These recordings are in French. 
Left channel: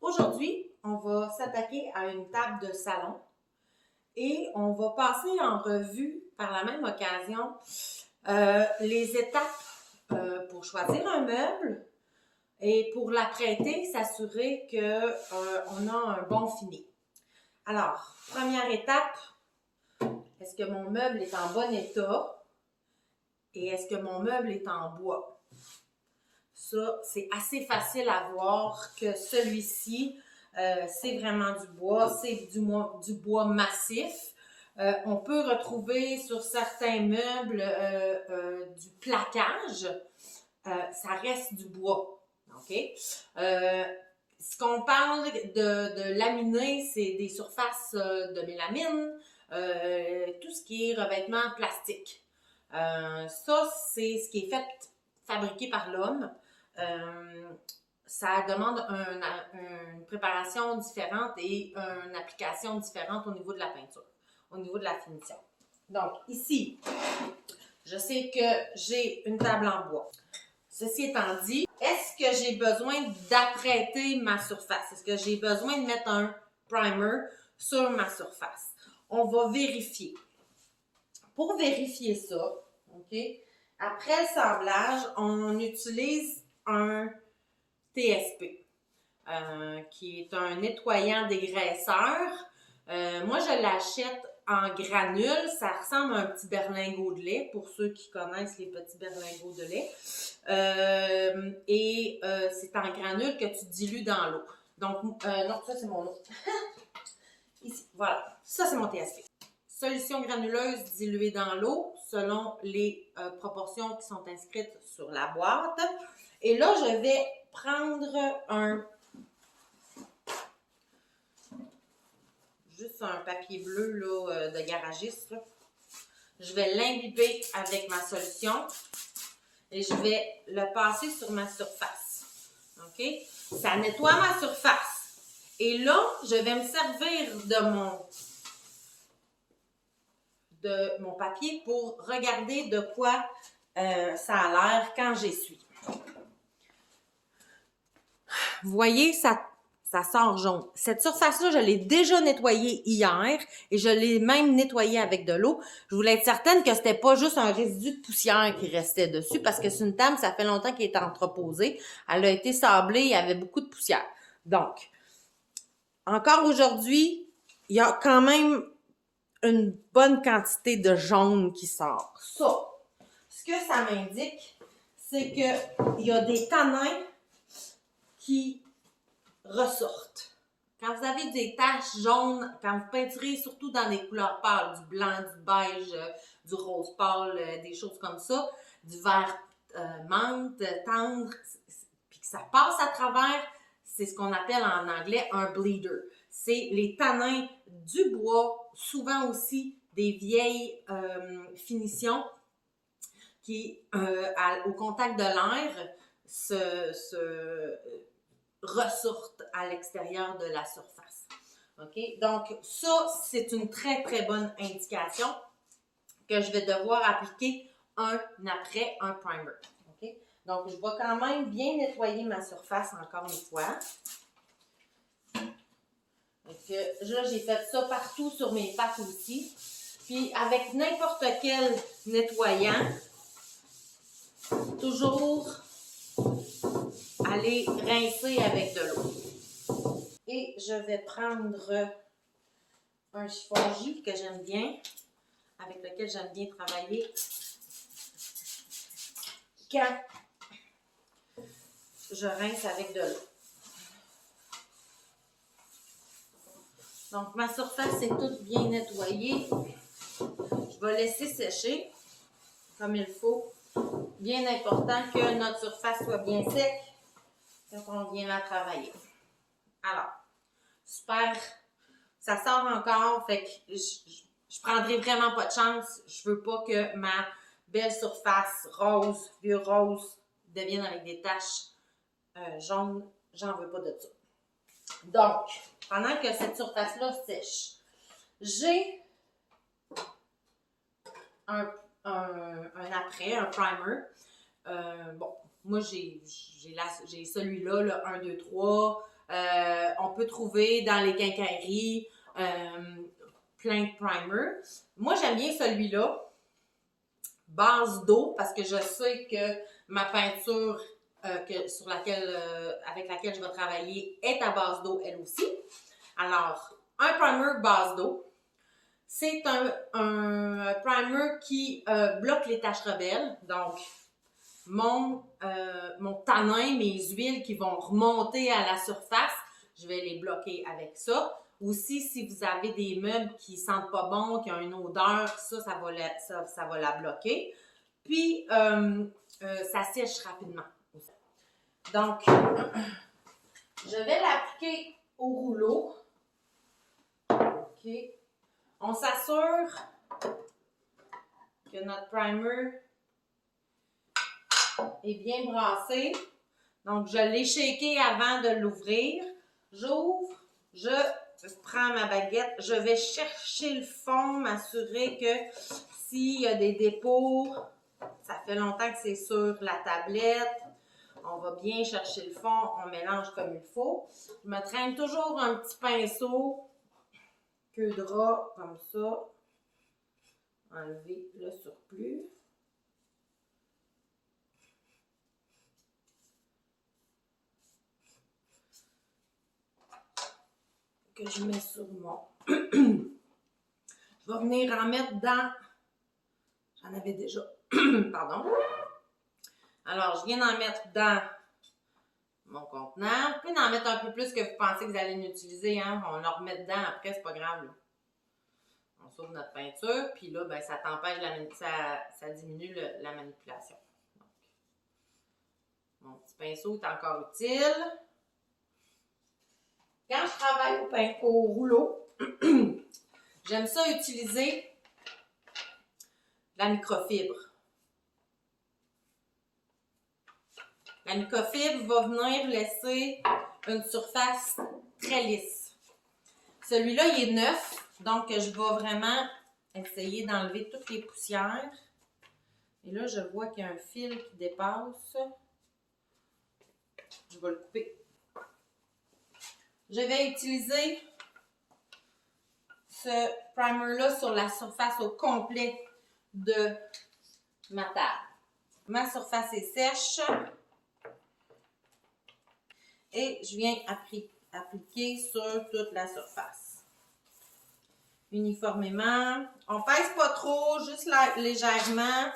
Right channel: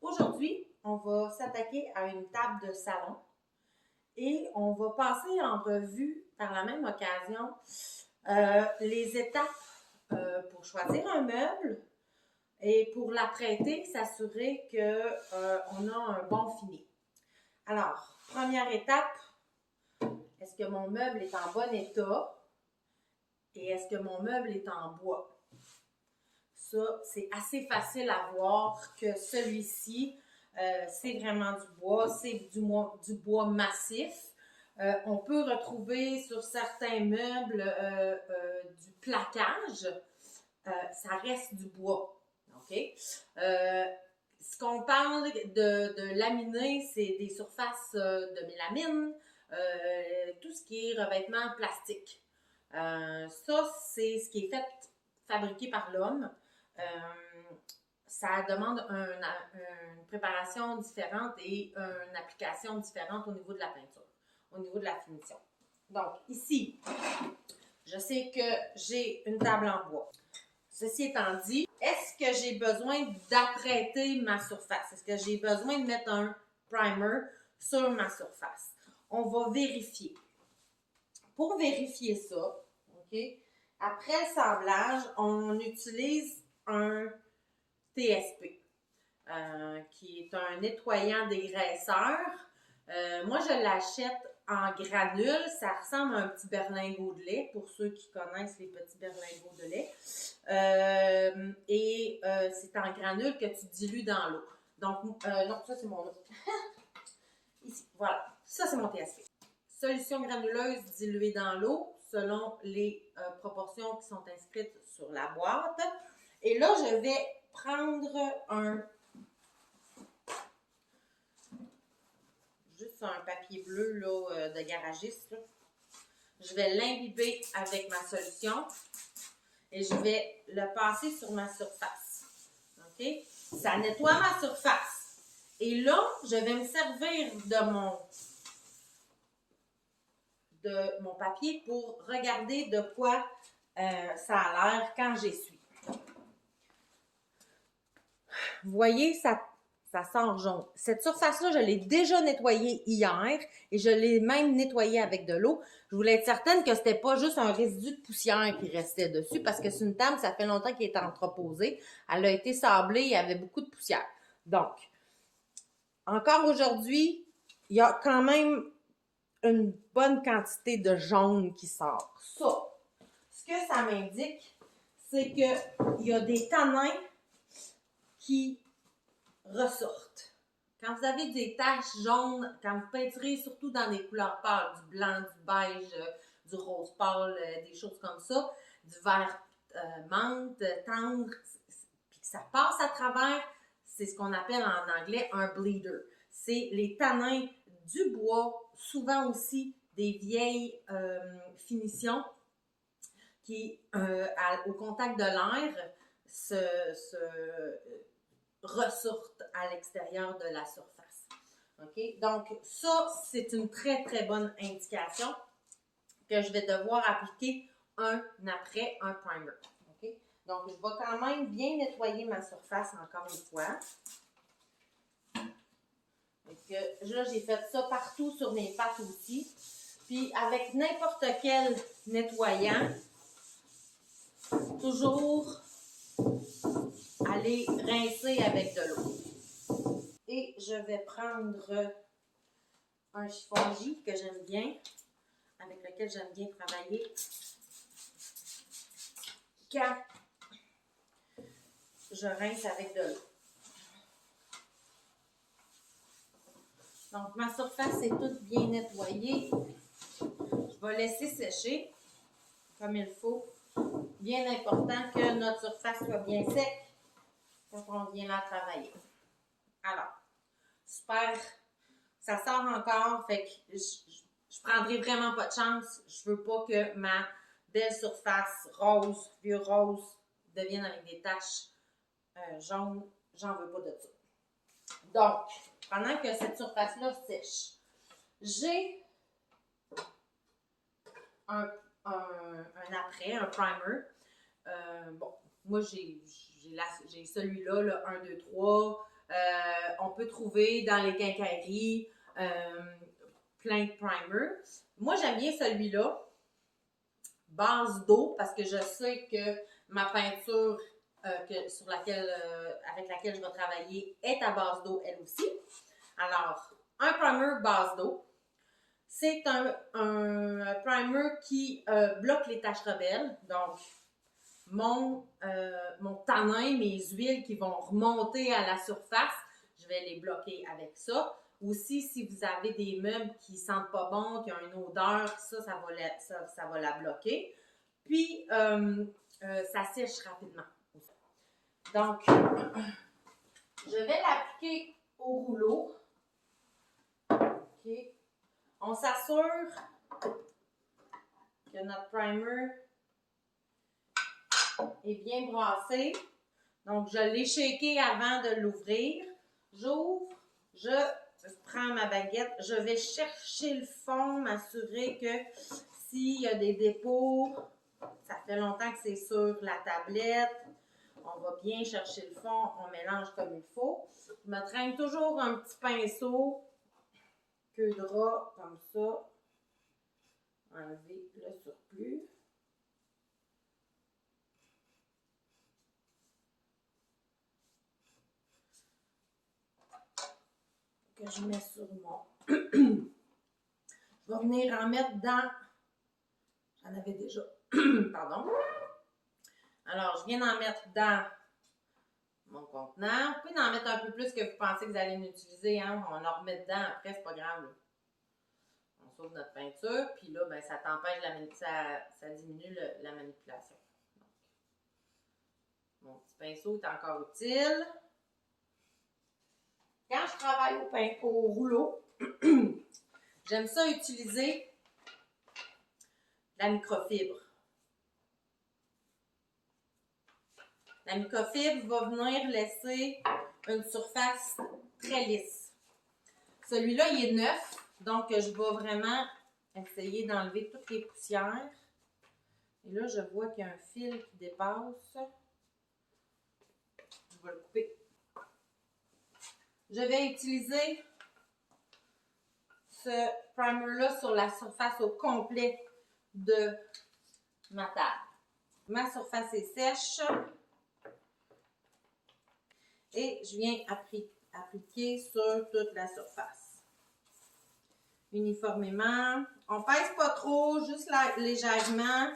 Aujourd'hui, on va s'attaquer à une table de salon et on va passer en revue par la même occasion les étapes pour choisir un meuble et pour l'apprêter, s'assurer qu'on a un bon fini. Alors, première étape, est-ce que mon meuble est en bon état et est-ce que mon meuble est en bois? Ça, c'est assez facile à voir que celui-ci, c'est vraiment du bois, c'est du bois massif. On peut retrouver sur certains meubles du plaquage. Ça reste du bois. OK? Ce qu'on parle de laminé, c'est des surfaces de mélamine, tout ce qui est revêtement plastique. Ça, c'est ce qui est fabriqué par l'homme. Ça demande une préparation différente et une application différente au niveau de la peinture, au niveau de la finition. Donc, ici, je sais que j'ai une table en bois. Ceci étant dit, est-ce que j'ai besoin d'apprêter ma surface? Est-ce que j'ai besoin de mettre un primer sur ma surface? On va vérifier. Pour vérifier ça, OK, après le sablage, on utilise un TSP, qui est un nettoyant dégraisseur. Moi, je l'achète en granules. Ça ressemble à un petit berlingot de lait, pour ceux qui connaissent les petits berlingots de lait. C'est en granules que tu dilues dans l'eau. Donc, non, ça, c'est mon eau. Ici, voilà. Ça, c'est mon TSP. Solution granuleuse diluée dans l'eau, selon les proportions qui sont inscrites sur la boîte. Et là, je vais prendre juste un papier bleu là, de garagiste. Là. Je vais l'imbiber avec ma solution et je vais le passer sur ma surface. OK? Ça nettoie ma surface. Et là, je vais me servir de mon papier pour regarder de quoi ça a l'air quand j'essuie. Vous voyez, ça sort jaune. Cette surface-là, je l'ai déjà nettoyée hier et je l'ai même nettoyée avec de l'eau. Je voulais être certaine que c'était pas juste un résidu de poussière qui restait dessus parce que c'est une table, ça fait longtemps qu'elle est entreposée. Elle a été sablée, il y avait beaucoup de poussière. Donc, encore aujourd'hui, il y a quand même une bonne quantité de jaune qui sort. Ça, ce que ça m'indique, c'est qu'il y a des tanins qui ressortent. Quand vous avez des taches jaunes, quand vous peinturez surtout dans des couleurs pâles, du blanc, du beige, du rose pâle, des choses comme ça, du vert menthe, tendre, puis que ça passe à travers, c'est ce qu'on appelle en anglais un bleeder. C'est les tanins du bois, souvent aussi des vieilles finitions qui, au contact de l'air, ressortent à l'extérieur de la surface. OK? Donc, ça, c'est une très, très bonne indication que je vais devoir appliquer un après un primer. OK? Donc, je vais quand même bien nettoyer ma surface encore une fois. Donc, là, j'ai fait ça partout sur mes pattes aussi. Puis, avec n'importe quel nettoyant, toujours aller rincer avec de l'eau. Et je vais prendre un chiffon J que j'aime bien, avec lequel j'aime bien travailler quand je rince avec de l'eau. Donc, ma surface est toute bien nettoyée. Je vais laisser sécher comme il faut. Bien important que notre surface soit bien sec quand on vient la travailler. Alors, super. Ça sort encore, fait que je prendrai vraiment pas de chance. Je veux pas que ma belle surface rose, vieux rose, devienne avec des taches jaunes. J'en veux pas de ça. Donc, pendant que cette surface-là sèche, j'ai un après, un primer. Bon, moi, j'ai celui-là, le 1, 2, 3. On peut trouver dans les quincailleries plein de primers. Moi, j'aime bien celui-là, base d'eau, parce que je sais que ma peinture avec laquelle je vais travailler est à base d'eau, elle aussi. Alors, un primer base d'eau. C'est un primer qui bloque les taches rebelles. Donc, mon tanin, mes huiles qui vont remonter à la surface, je vais les bloquer avec ça. Aussi, si vous avez des meubles qui sentent pas bon, qui ont une odeur, ça va la bloquer. Puis, ça sèche rapidement. Donc, je vais l'appliquer au rouleau. OK. On s'assure que notre primer est bien brassé. Donc, je l'ai shaké avant de l'ouvrir. J'ouvre, je prends ma baguette, je vais chercher le fond, m'assurer que s'il y a des dépôts, ça fait longtemps que c'est sur la tablette. On va bien chercher le fond, on mélange comme il faut. Je me traîne toujours un petit pinceau, queue de rat, comme ça. Enlever le surplus. Que je mets sur mon... Je vais venir en mettre dans... J'en avais déjà... Pardon. Alors, je viens d'en mettre dans mon contenant. Vous pouvez en mettre un peu plus que vous pensez que vous allez l'utiliser. Hein? On en remet dedans après, c'est pas grave. Là. On sauve notre peinture. Puis là, ben, ça t'empêche, ça diminue la manipulation. Donc, mon petit pinceau est encore utile. Quand je travaille au rouleau, j'aime ça utiliser la microfibre. La microfibre va venir laisser une surface très lisse. Celui-là, il est neuf, donc je vais vraiment essayer d'enlever toutes les poussières. Et là, je vois qu'il y a un fil qui dépasse. Je vais le couper. Je vais utiliser ce primer-là sur la surface au complet de ma table. Ma surface est sèche. Et je viens appliquer sur toute la surface. Uniformément. On pèse pas trop, juste légèrement.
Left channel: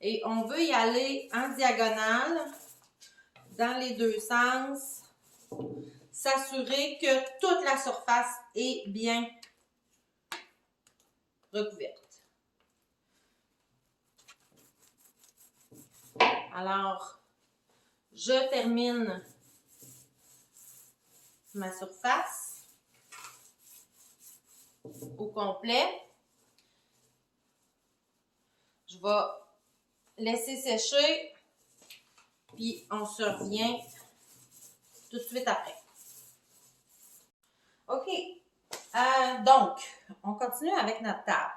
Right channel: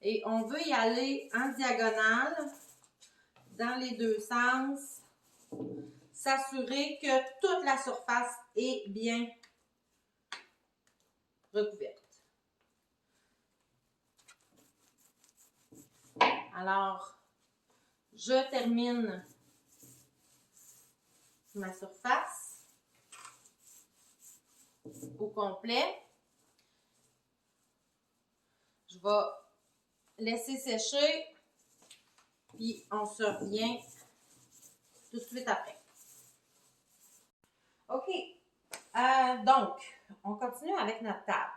Et on veut y aller en diagonale, dans les deux sens. S'assurer que toute la surface est bien recouverte. Alors, je termine ma surface au complet. Je vais laisser sécher, puis on se revient tout de suite après. OK. Donc, on continue avec notre table.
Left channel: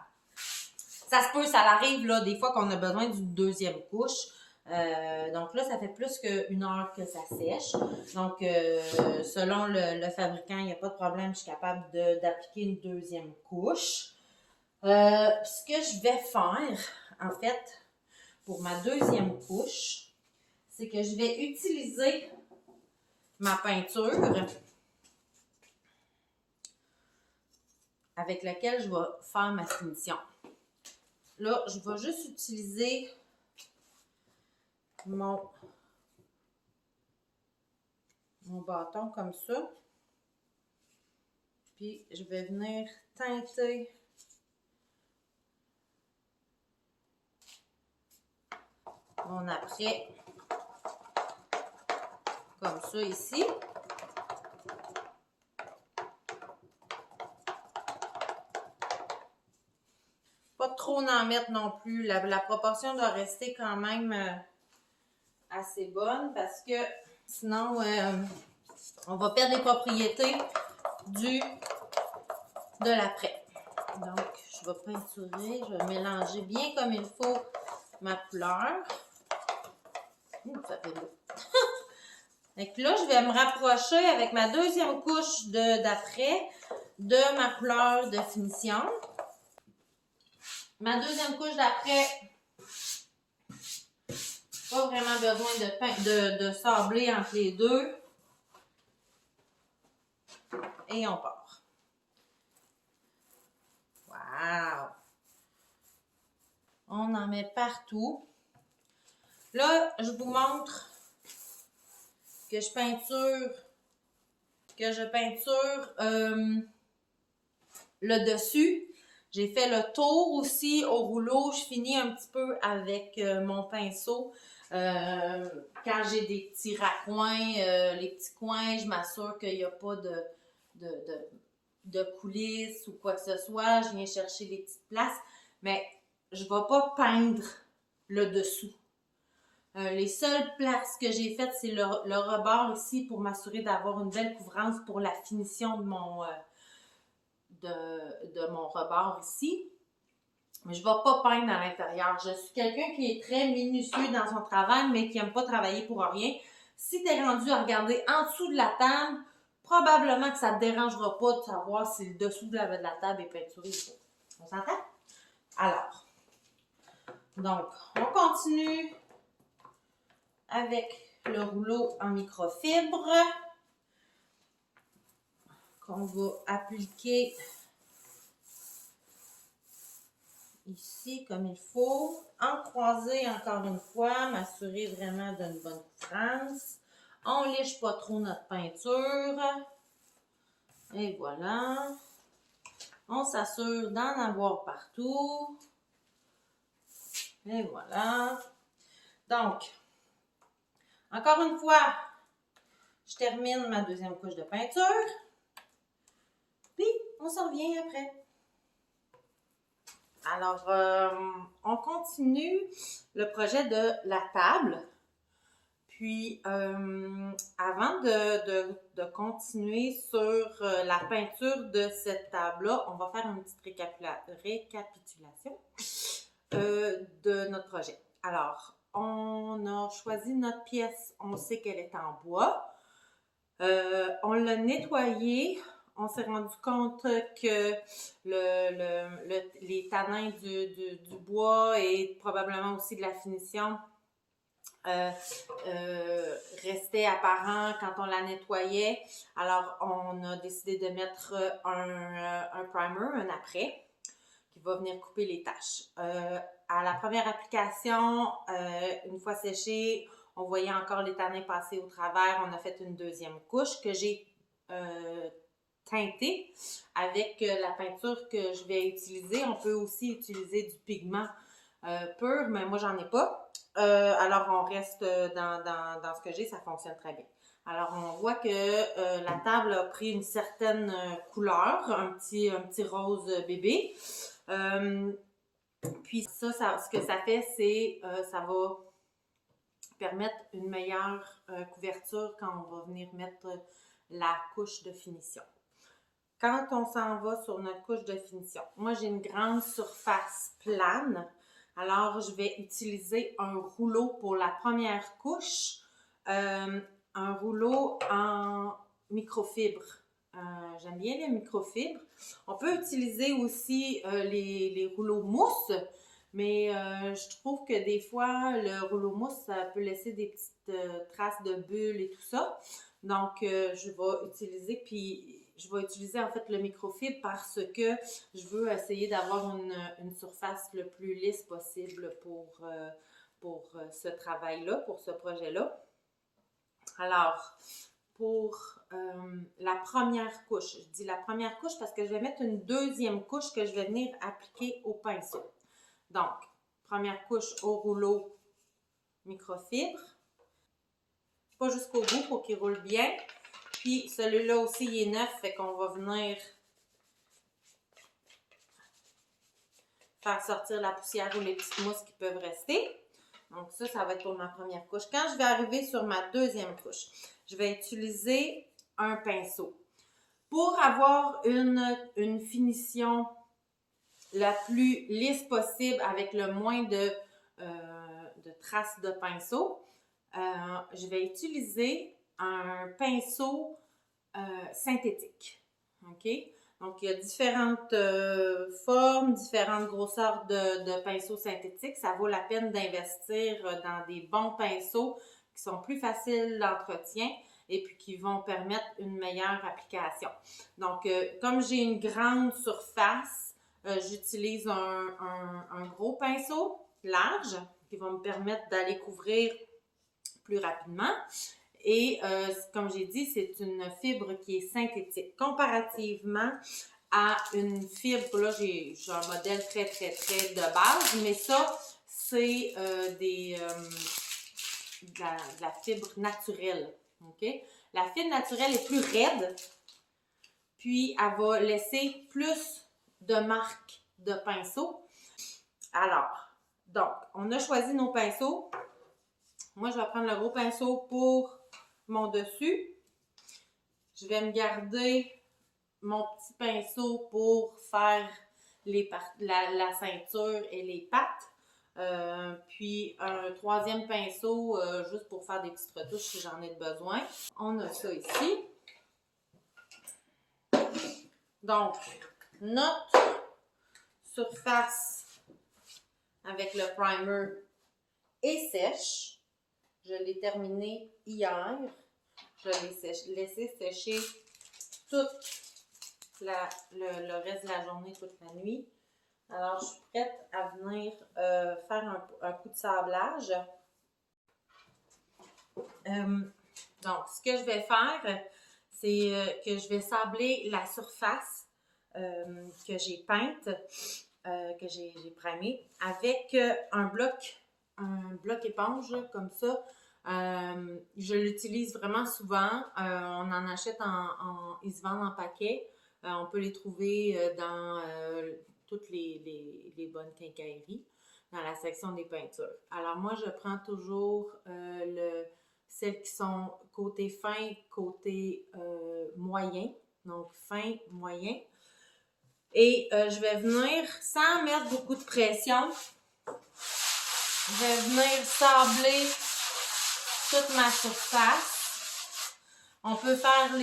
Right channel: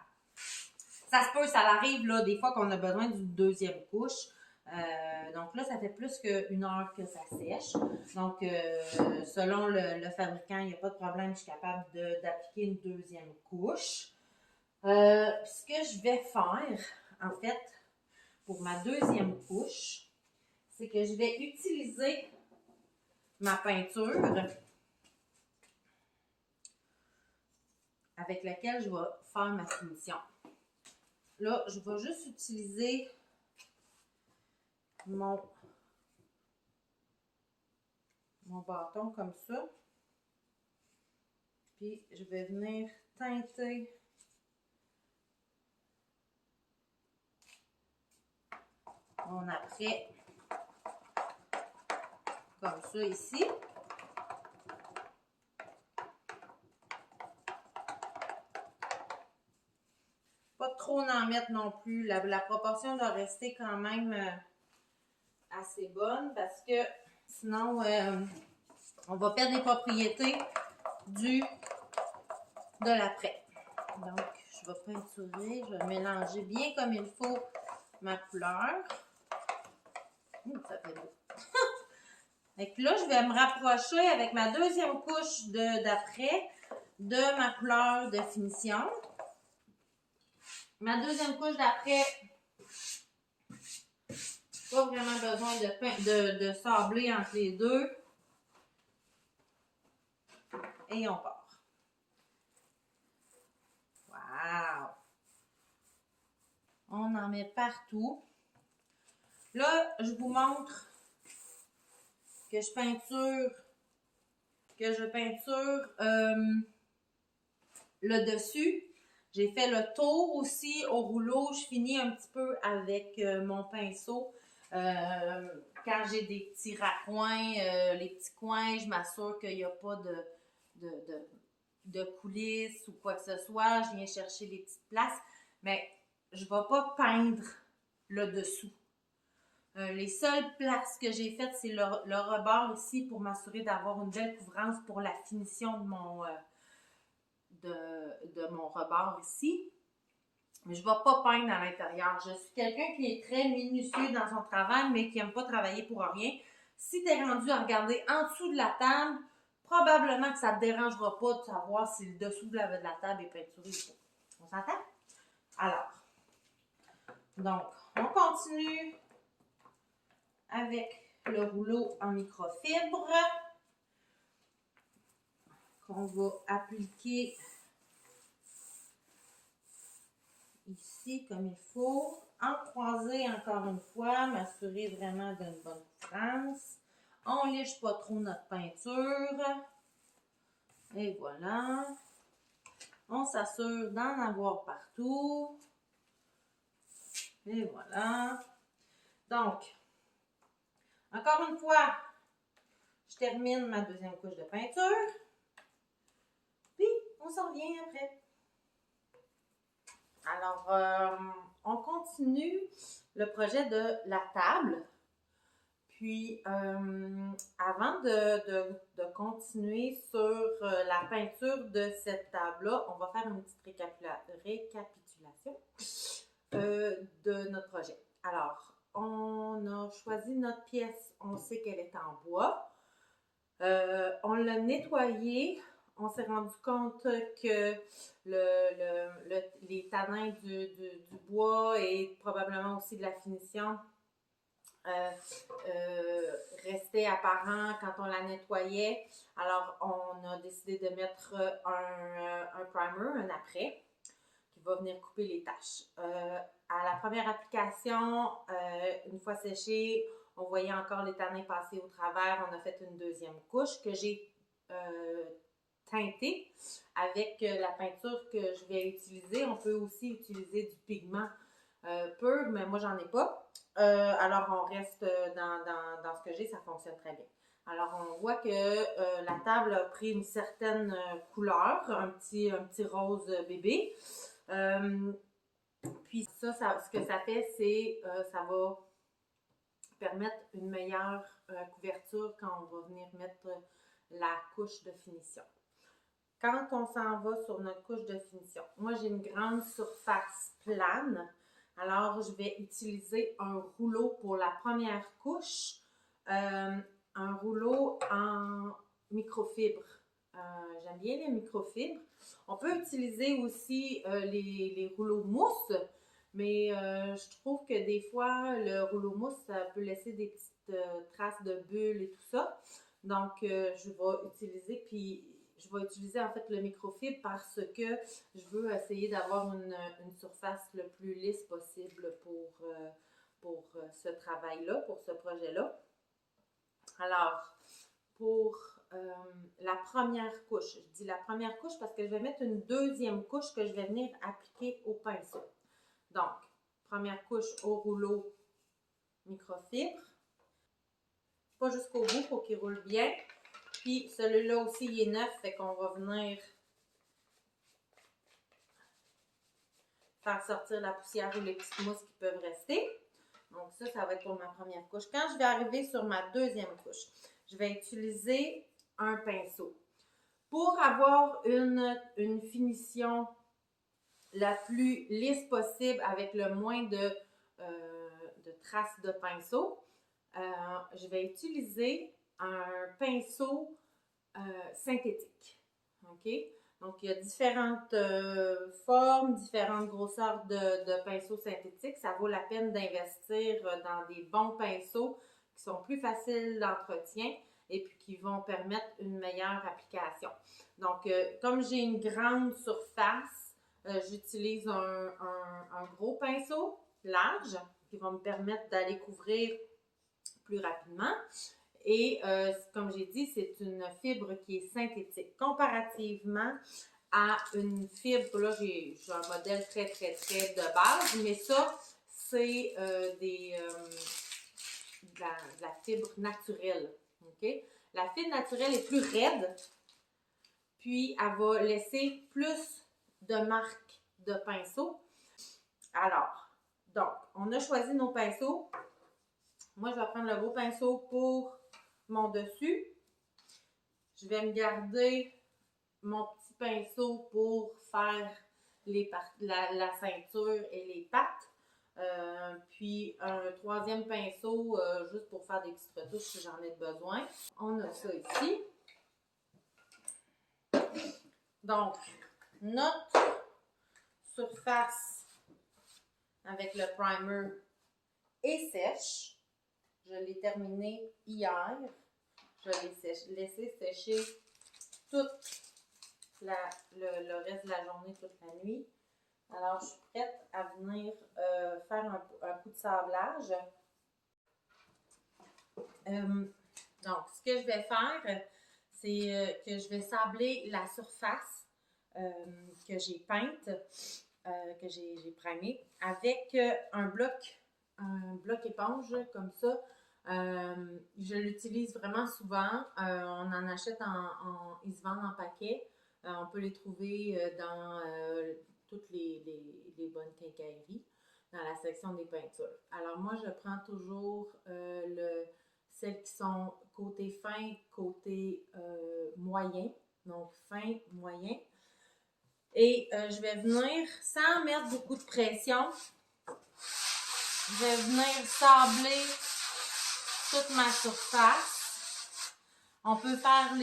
Ça se peut, ça arrive là, des fois qu'on a besoin d'une deuxième couche. Donc là, ça fait plus qu'une heure que ça sèche. Donc, selon le fabricant, il n'y a pas de problème, je suis capable d'appliquer une deuxième couche. Ce que je vais faire, en fait, pour ma deuxième couche, c'est que je vais utiliser ma peinture avec laquelle je vais faire ma finition. Là, je vais juste utiliser mon bâton comme ça. Puis, je vais venir teinter mon après comme ça ici. Pas trop en mettre non plus. La proportion doit rester quand même assez bonne parce que sinon on va perdre les propriétés de l'après. Donc, je vais peinturer, je vais mélanger bien comme il faut ma couleur. Ça fait beau. Fait que là, je vais me rapprocher avec ma deuxième couche d'après de ma couleur de finition. Ma deuxième couche d'après, pas vraiment besoin de sabler entre les deux. Et on part. Wow! On en met partout. Là, je vous montre que je peinture le dessus. J'ai fait le tour aussi au rouleau. Je finis un petit peu avec mon pinceau. Quand j'ai des petits raccoins, les petits coins, je m'assure qu'il n'y a pas de coulisses ou quoi que ce soit. Je viens chercher les petites places. Mais je ne vais pas peindre le dessous. Les seules places que j'ai faites, c'est le rebord ici pour m'assurer d'avoir une belle couvrance pour la finition de mon rebord ici. Mais je ne vais pas peindre à l'intérieur. Je suis quelqu'un qui est très minutieux dans son travail, mais qui n'aime pas travailler pour rien. Si tu es rendu à regarder en dessous de la table, probablement que ça ne te dérangera pas de savoir si le dessous de la table est peinturé ou pas. On s'entend? Alors, donc, on continue avec le rouleau en microfibre qu'on va appliquer ici comme il faut. En croisé encore une fois, m'assurer vraiment d'une bonne couvrance. On liche pas trop notre peinture. Et voilà. On s'assure d'en avoir partout. Et voilà. Donc, encore une fois, je termine ma deuxième couche de peinture. Puis, on s'en revient après. Alors, on continue le projet de la table. Puis, avant de continuer sur la peinture de cette table-là, on va faire une petite récapitulation de notre projet. Alors, on a choisi notre pièce, on sait qu'elle est en bois. On l'a nettoyée. On s'est rendu compte que les tanins du bois et probablement aussi de la finition restaient apparents quand on la nettoyait. Alors, on a décidé de mettre un primer, un après, qui va venir couper les taches. À la première application, une fois séché, on voyait encore les tanins passer au travers. On a fait une deuxième couche que j'ai teintée avec la peinture que je vais utiliser. On peut aussi utiliser du pigment pur, mais moi, j'en ai pas. Alors, on reste dans ce que j'ai, ça fonctionne très bien. Alors, on voit que la table a pris une certaine couleur, un petit rose bébé. Puis ça, ce que ça fait, c'est ça va permettre une meilleure couverture quand on va venir mettre la couche de finition. Quand on s'en va sur notre couche de finition, moi j'ai une grande surface plane, alors je vais utiliser un rouleau pour la première couche, un rouleau en microfibre. J'aime bien les microfibres. On peut utiliser aussi les rouleaux mousse, mais je trouve que des fois, le rouleau mousse, ça peut laisser des petites traces de bulles et tout ça. Donc, je vais utiliser en fait le microfibre parce que je veux essayer d'avoir une surface le plus lisse possible pour ce travail-là, pour ce projet-là. Alors, pour la première couche, je dis la première couche parce que je vais mettre une deuxième couche que je vais venir appliquer au pinceau. Donc, première couche au rouleau microfibre. Pas jusqu'au bout pour qu'il roule bien. Puis celui-là aussi, il est neuf, fait qu'on va venir faire sortir la poussière ou les petites mousses qui peuvent rester. Donc ça va être pour ma première couche. Quand je vais arriver sur ma deuxième couche, je vais utiliser un pinceau. Pour avoir une finition la plus lisse possible avec le moins de traces de pinceau, je vais utiliser un pinceau synthétique. OK? Donc, il y a différentes formes, différentes grosseurs de pinceaux synthétiques. Ça vaut la peine d'investir dans des bons pinceaux qui sont plus faciles d'entretien et puis qui vont permettre une meilleure application. Donc, comme j'ai une grande surface, j'utilise un gros pinceau large qui va me permettre d'aller couvrir plus rapidement. Et comme j'ai dit, c'est une fibre qui est synthétique. Comparativement à une fibre, là j'ai un modèle très de base, mais ça, c'est de la fibre naturelle. OK? La fibre naturelle est plus raide, puis elle va laisser plus de marques de pinceau. Alors, donc, on a choisi nos pinceaux. Moi, je vais prendre le gros pinceau pour mon dessus. Je vais me garder mon petit pinceau pour faire la ceinture et les pattes. Puis un troisième pinceau juste pour faire des petites retouches si j'en ai besoin. On a ça ici. Donc, notre surface avec le primer est sèche. Je l'ai terminé hier. Je l'ai laissé sécher tout le reste de la journée, toute la nuit. Alors, je suis prête à venir faire un coup de sablage. Donc, ce que je vais faire, c'est que je vais sabler la surface que j'ai peinte, que j'ai primée, avec un bloc éponge comme ça. Je l'utilise vraiment souvent. On en achète ils se vendent en paquet. On peut les trouver dans toutes les bonnes quincailleries, dans la section des peintures. Alors moi, je prends toujours celles qui sont côté fin, côté moyen. Donc fin, moyen. Et je vais venir, sans mettre beaucoup de pression, je vais venir sabler toute ma surface. On peut faire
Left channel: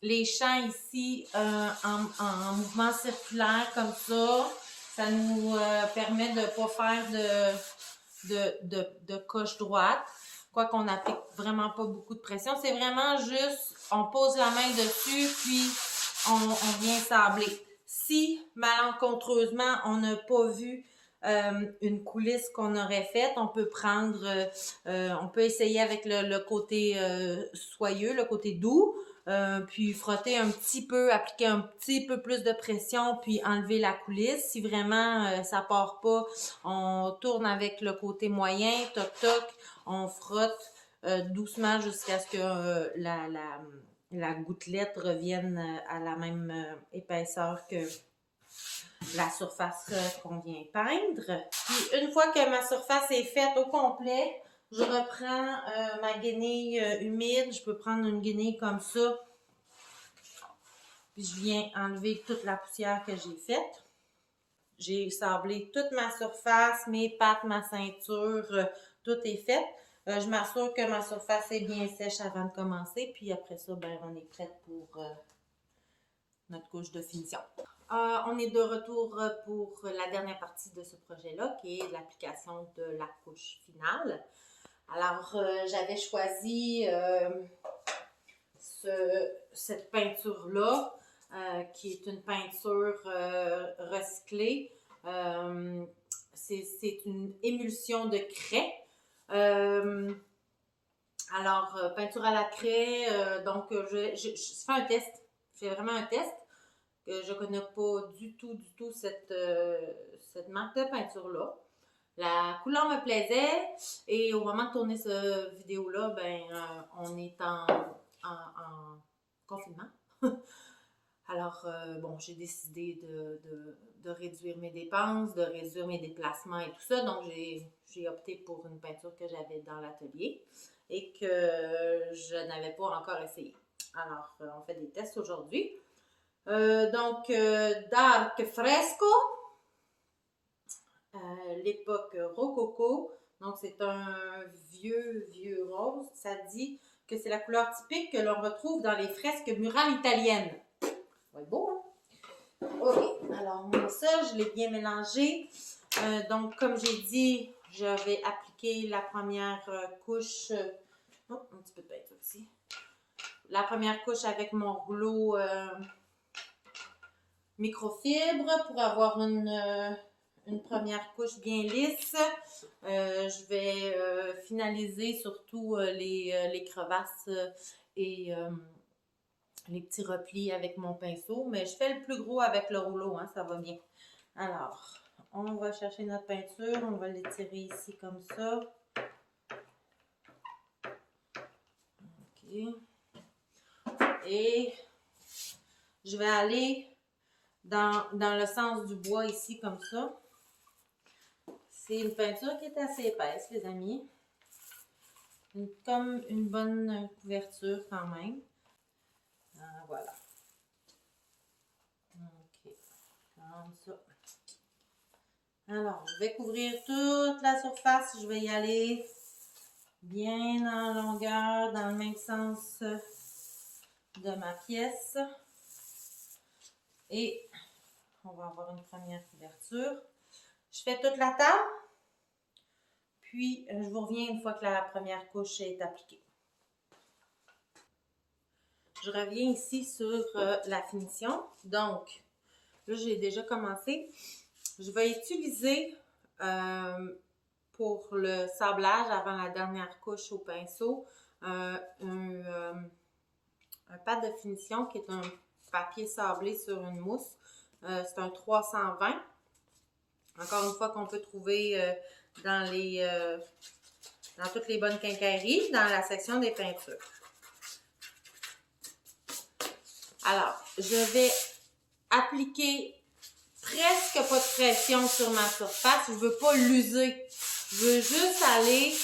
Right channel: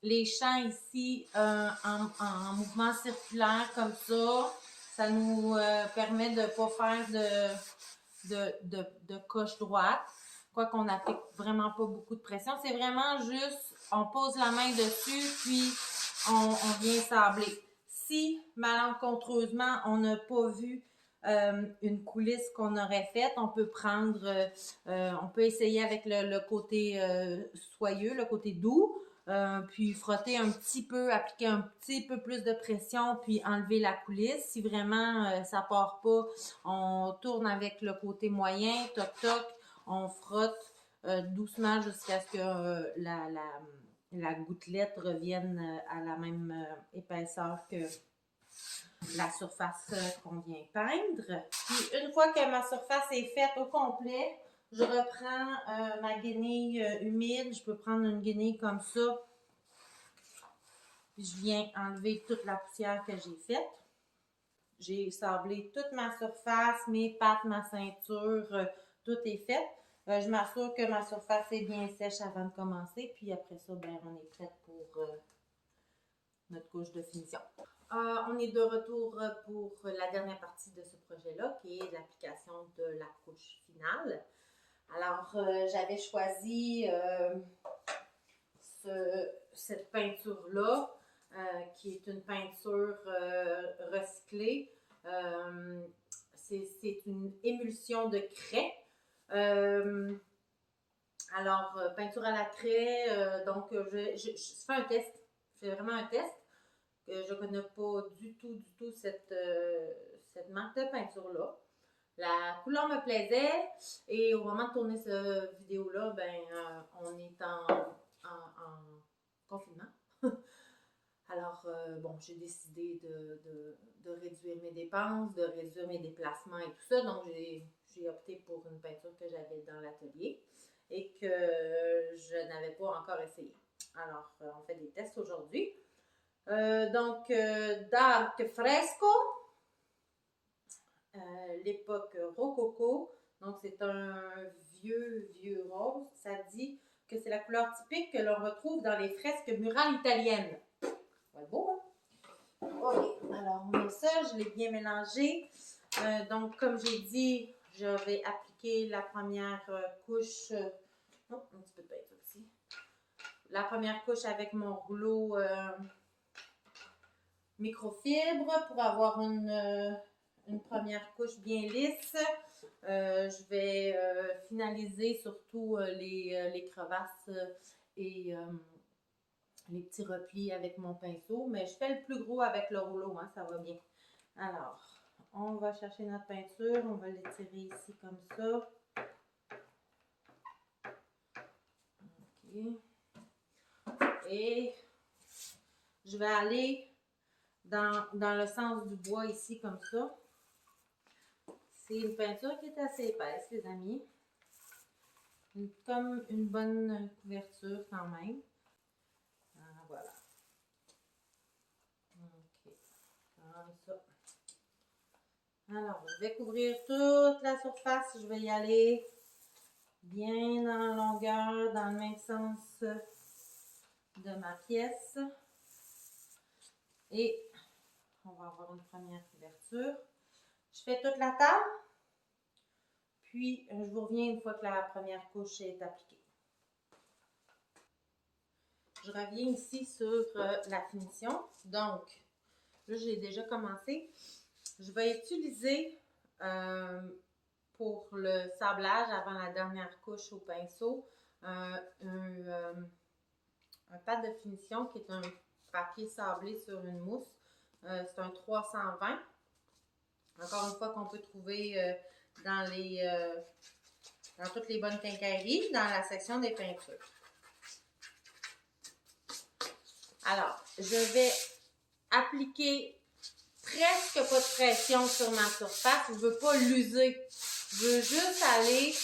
les champs ici en mouvement circulaire comme ça. Ça nous permet de ne pas faire de coche droite. Quoi qu'on n'applique vraiment pas beaucoup de pression. C'est vraiment juste, on pose la main dessus, puis on vient sabler. Si, malencontreusement, on n'a pas vu une coulisse qu'on aurait faite, on peut prendre, on peut essayer avec le côté soyeux, le côté doux, puis frotter un petit peu, appliquer un petit peu plus de pression, puis enlever la coulisse. Si vraiment ça part pas, on tourne avec le côté moyen, toc toc, on frotte doucement jusqu'à ce que la gouttelette revienne à la même épaisseur que la surface qu'on vient peindre. Puis une fois que ma surface est faite au complet, je reprends ma guenille humide. Je peux prendre une guenille comme ça. Puis je viens enlever toute la poussière que j'ai faite. J'ai sablé toute ma surface, mes pattes, ma ceinture, tout est fait. Je m'assure que ma surface est bien sèche avant de commencer. Puis après ça, ben, on est prête pour notre couche de finition. On est de retour pour la dernière partie de ce projet-là, qui est l'application de la couche finale. Alors, j'avais choisi cette peinture-là, qui est une peinture recyclée. C'est une émulsion de craie. Alors, peinture à la craie, donc je fais un test. Je fais vraiment un test. Je ne connais pas du tout cette marque de peinture-là. La couleur me plaisait et au moment de tourner cette vidéo-là, ben, on est en confinement. Alors, bon, j'ai décidé de réduire mes dépenses, de réduire mes déplacements et tout ça. Donc, j'ai opté pour une peinture que j'avais dans l'atelier et que je n'avais pas encore essayé. Alors, on fait des tests aujourd'hui. Donc, Dark Fresco, l'époque Rococo, Donc, c'est un vieux rose. Ça dit que c'est la couleur typique que l'on retrouve dans les fresques murales italiennes. Ça va être beau, hein? OK. Alors, moi, ça, je l'ai bien mélangé. Donc, comme j'ai dit, je vais appliquer la première couche. Oh, un petit peu de peinture ici. La première couche avec mon rouleau microfibre pour avoir une première couche bien lisse. Je vais finaliser surtout les crevasses et les petits replis avec mon pinceau, mais je fais le plus gros avec le rouleau, hein, ça va bien. Alors, on va chercher notre peinture, on va l'étirer ici comme ça. OK. Et je vais aller dans le sens du bois ici comme ça. C'est une peinture qui est assez épaisse, les amis. Comme une bonne couverture quand même. Voilà. OK. Comme ça. Alors, je vais couvrir toute la surface. Je vais y aller bien en longueur, dans le même sens de ma pièce. Et on va avoir une première couverture. Je fais toute la table. Puis, je vous reviens une fois que la première couche est appliquée. Je reviens ici sur la finition. Donc, là, j'ai déjà commencé. Je vais utiliser pour le sablage avant la dernière couche au pinceau un pad de finition qui est un papier sablé sur une mousse. C'est un 320. Encore une fois qu'on peut trouver dans toutes les bonnes quincailleries, dans la section des peintures. Alors, je vais appliquer presque pas de pression sur ma surface. Je ne veux pas l'user. Je veux juste aller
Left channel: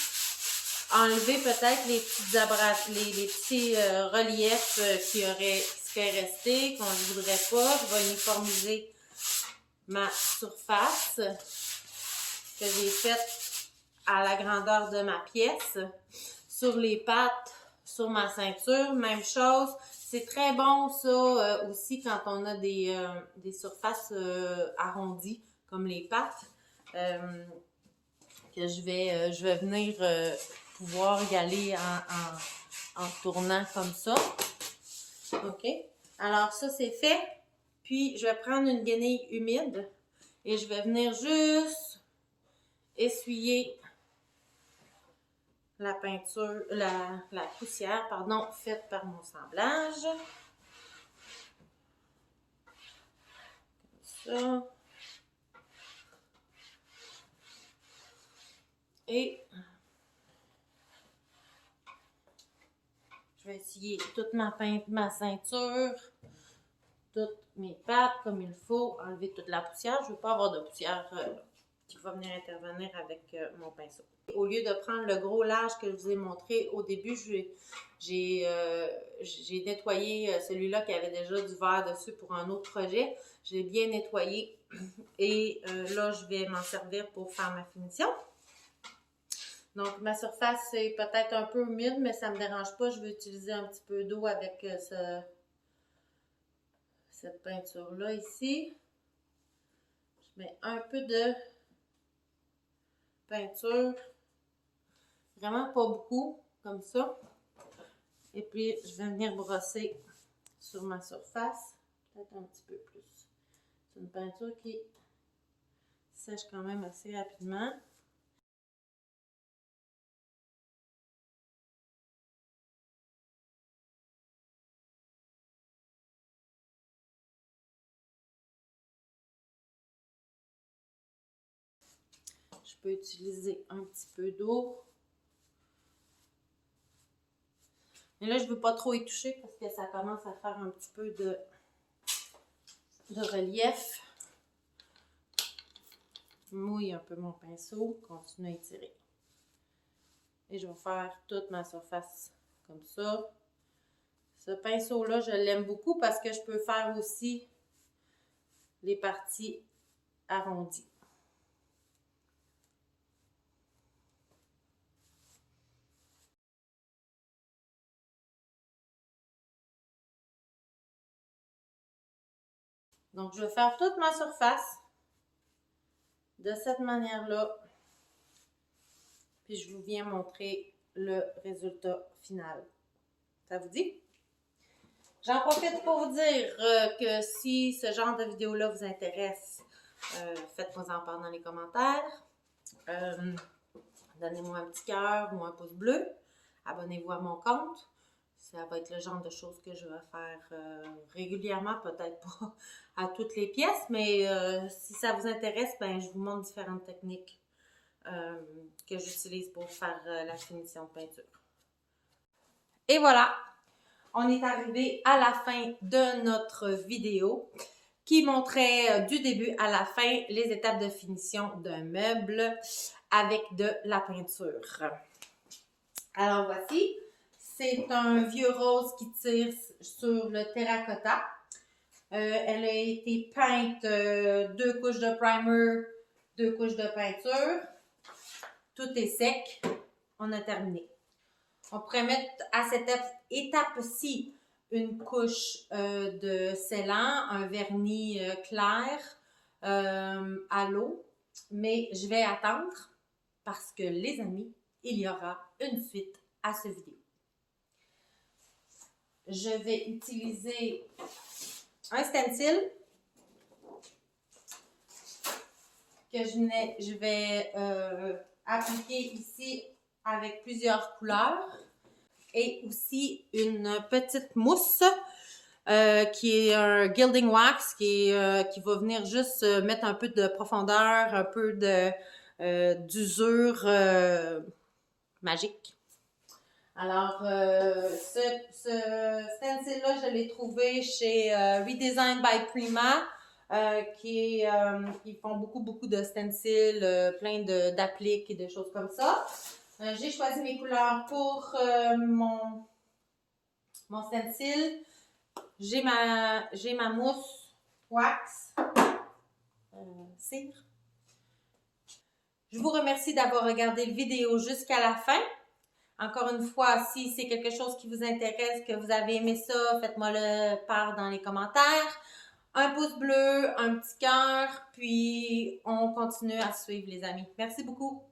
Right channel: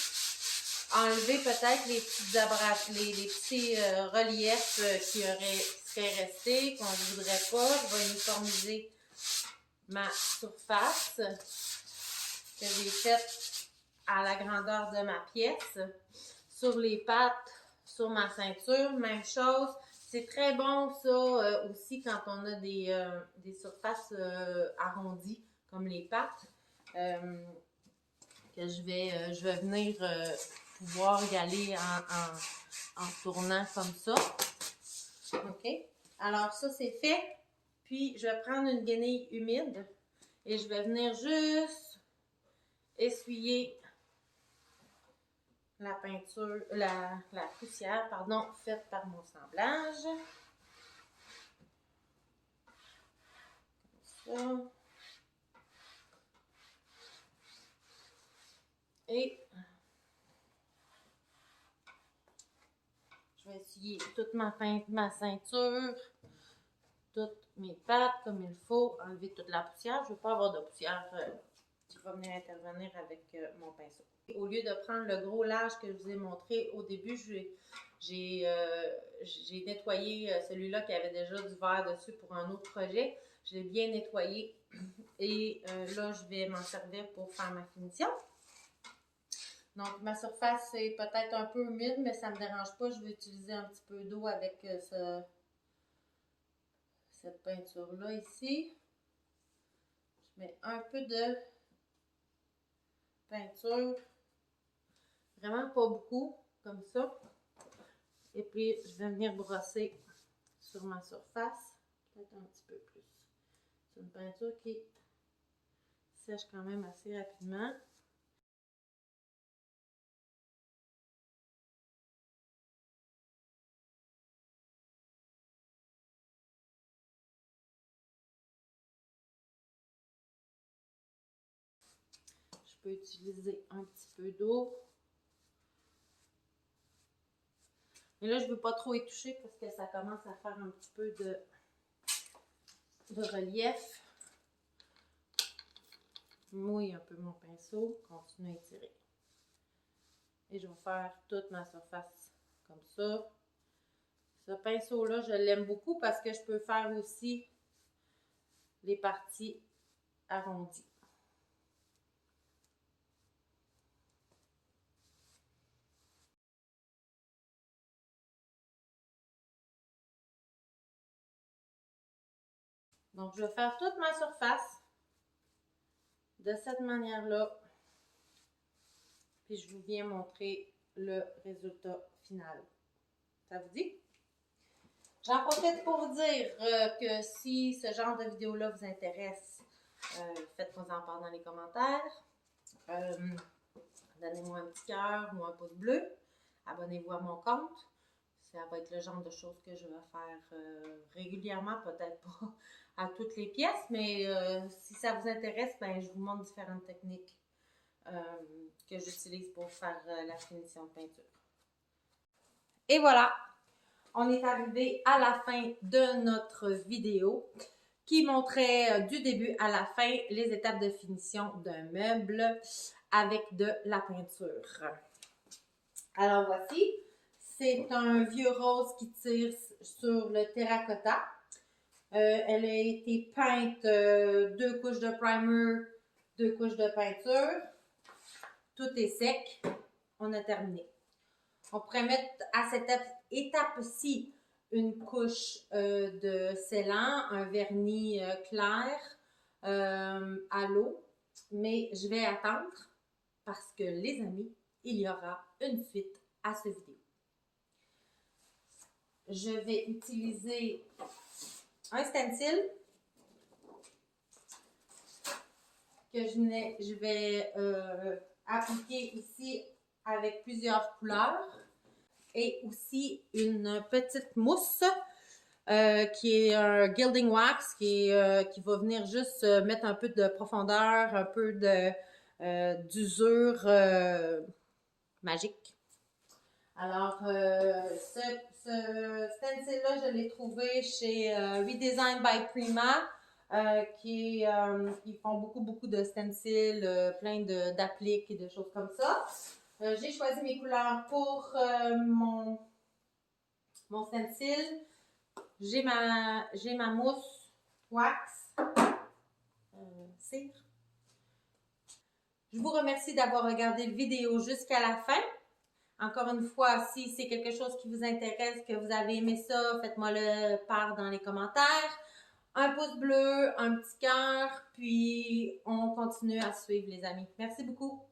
enlever peut-être les petits reliefs qui seraient restés, qu'on ne voudrait pas. Je vais uniformiser ma surface que j'ai faite à la grandeur de ma pièce. Sur les pattes, sur ma ceinture, même chose. C'est très bon ça aussi quand on a des surfaces arrondies comme les pattes. Que je vais venir pouvoir y aller en tournant comme ça. OK? Alors ça c'est fait. Puis je vais prendre une guenille humide et je vais venir juste essuyer la peinture, la poussière, pardon, faite par mon semblage. Comme ça. Et je vais essuyer toute ma ceinture, toutes mes pattes comme il faut, enlever toute la poussière. Je ne veux pas avoir de poussière qui va venir intervenir avec mon pinceau. Au lieu de prendre le gros large que je vous ai montré au début, j'ai nettoyé celui-là qui avait déjà du vert dessus pour un autre projet. Je l'ai bien nettoyé et là, je vais m'en servir pour faire ma finition. Donc, ma surface est peut-être un peu humide, mais ça ne me dérange pas. Je vais utiliser un petit peu d'eau avec cette peinture-là ici. Je mets un peu de peinture, vraiment pas beaucoup, comme ça. Et puis, je vais venir brosser sur ma surface, peut-être un petit peu plus. C'est une peinture qui sèche quand même assez rapidement. Je peux utiliser un petit peu d'eau. Mais là, je ne veux pas trop y toucher parce que ça commence à faire un petit peu de relief. Je mouille un peu mon pinceau, continue à étirer. Et je vais faire toute ma surface comme ça. Ce pinceau-là, je l'aime beaucoup parce que je peux faire aussi les parties arrondies. Donc, je vais faire toute ma surface de cette manière-là. Puis, je vous viens montrer le résultat final. Ça vous dit? J'en profite pour vous dire que si ce genre de vidéo-là vous intéresse, faites-moi en part dans les commentaires. Donnez-moi un petit cœur ou un pouce bleu. Abonnez-vous à mon compte. Ça va être le genre de choses que je vais faire régulièrement, peut-être pas à toutes les pièces, mais si ça vous intéresse, ben, je vous montre différentes techniques que j'utilise pour faire la finition de peinture. Et voilà, on est arrivé à la fin de notre vidéo qui montrait du début à la fin les étapes de finition d'un meuble avec de la peinture. Alors voici, c'est un vieux rose qui tire sur le terracotta. Elle a été peinte 2 couches de primer, 2 couches de peinture. Tout est sec. On a terminé. On pourrait mettre à cette étape-ci une couche de scellant, un vernis clair à l'eau. Mais je vais attendre parce que les amis, il y aura une suite à ce vidéo. Je vais utiliser un stencil que je vais appliquer ici avec plusieurs couleurs et aussi une petite mousse qui est un gilding wax qui va venir juste mettre un peu de profondeur, un peu d'usure magique. Alors, ce stencil-là, je l'ai trouvé chez Redesign by Prima, ils font beaucoup de stencils, plein d'appliques et de choses comme ça. J'ai choisi mes couleurs pour mon stencil. J'ai ma mousse wax, cire. Je vous remercie d'avoir regardé la vidéo jusqu'à la fin. Encore une fois, si c'est quelque chose qui vous intéresse, que vous avez aimé ça, faites-moi le part dans les commentaires. Un pouce bleu, un petit cœur, puis on continue à suivre les amis. Merci beaucoup.